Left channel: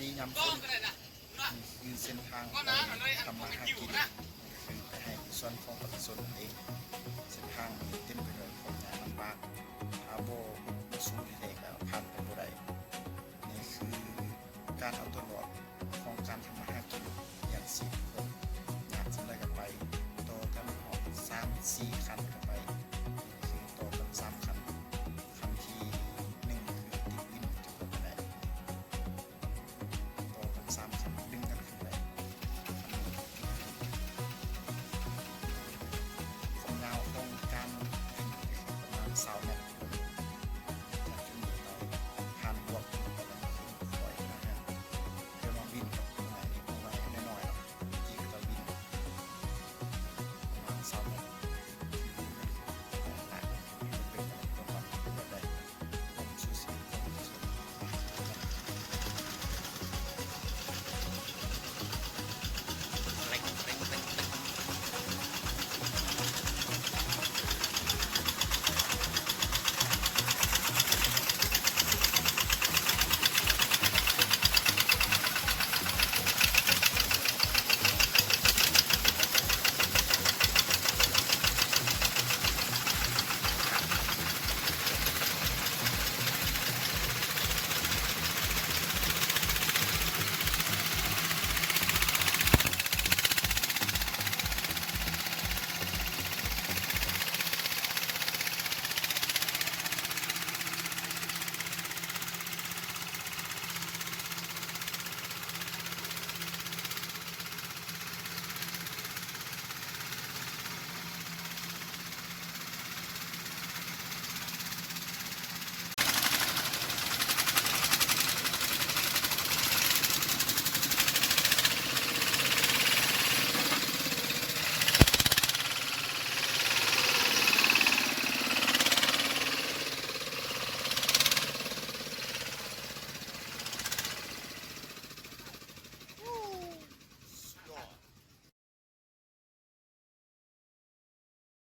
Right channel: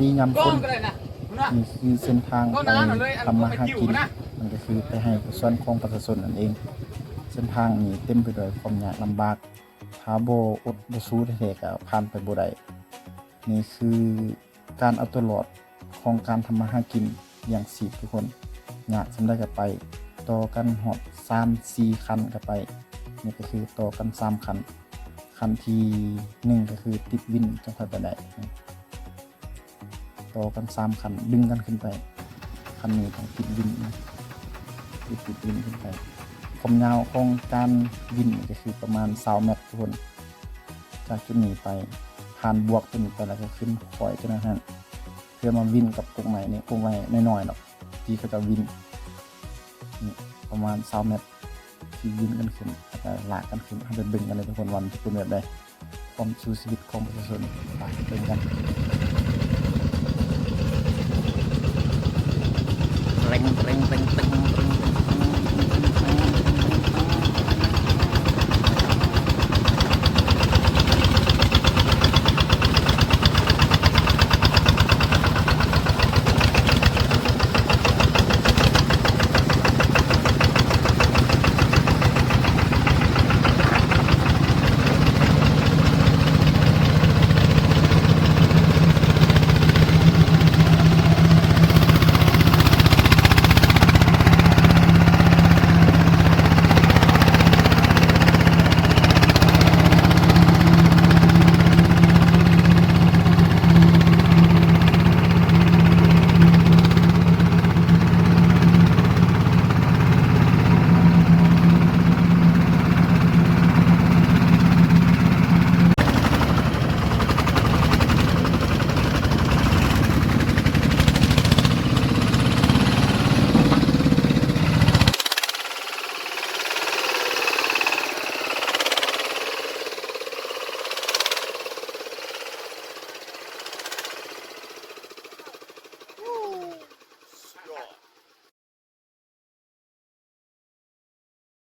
ดียามคนนี่คือเส้นทางไปทำมาหากินมันก็คือไปให้ส่วนของประชาชนนั่นเองเส้นทางนี้เต็มไปด้วยความยากลำบากถ้าบ่อดบ่สู้แท้ๆก็ผ่านไปบ่ได้นี่คือการเอาตัวรอดของการทำมาหากินอย่างสิทุกคนยากสำได้ก็ไปต่อกันหอบ3-4 คันก็ไปนี่ก็คือต่อกัน3 คันคันที่1ก็คือติดวินจังค่อยไปได้ต่อกัน3 คันดึงกันขึ้นไปคันนี้ต้องติดวินติดวินขึ้นไปความยาวของการวินก็คือประมาณ20 เมตรทุกคนจากจุดนี้ไปผ่านบวกตัวนี้ไปแล้วก็ขึ้นปล่อยกันนะฮะเพื่อมาวินกับกงใหม่นี่กงใหม่น้อยๆหรอกที่เขาจะวินนี่ประมาณ20 เมตรที่วินกันขึ้นแล้วก็ลากกันขึ้นให้เป็นบึงกันเลยทุกคนวันเป็นแบบใดความสู้ชีวิตของประชาชนไปเป็นกัน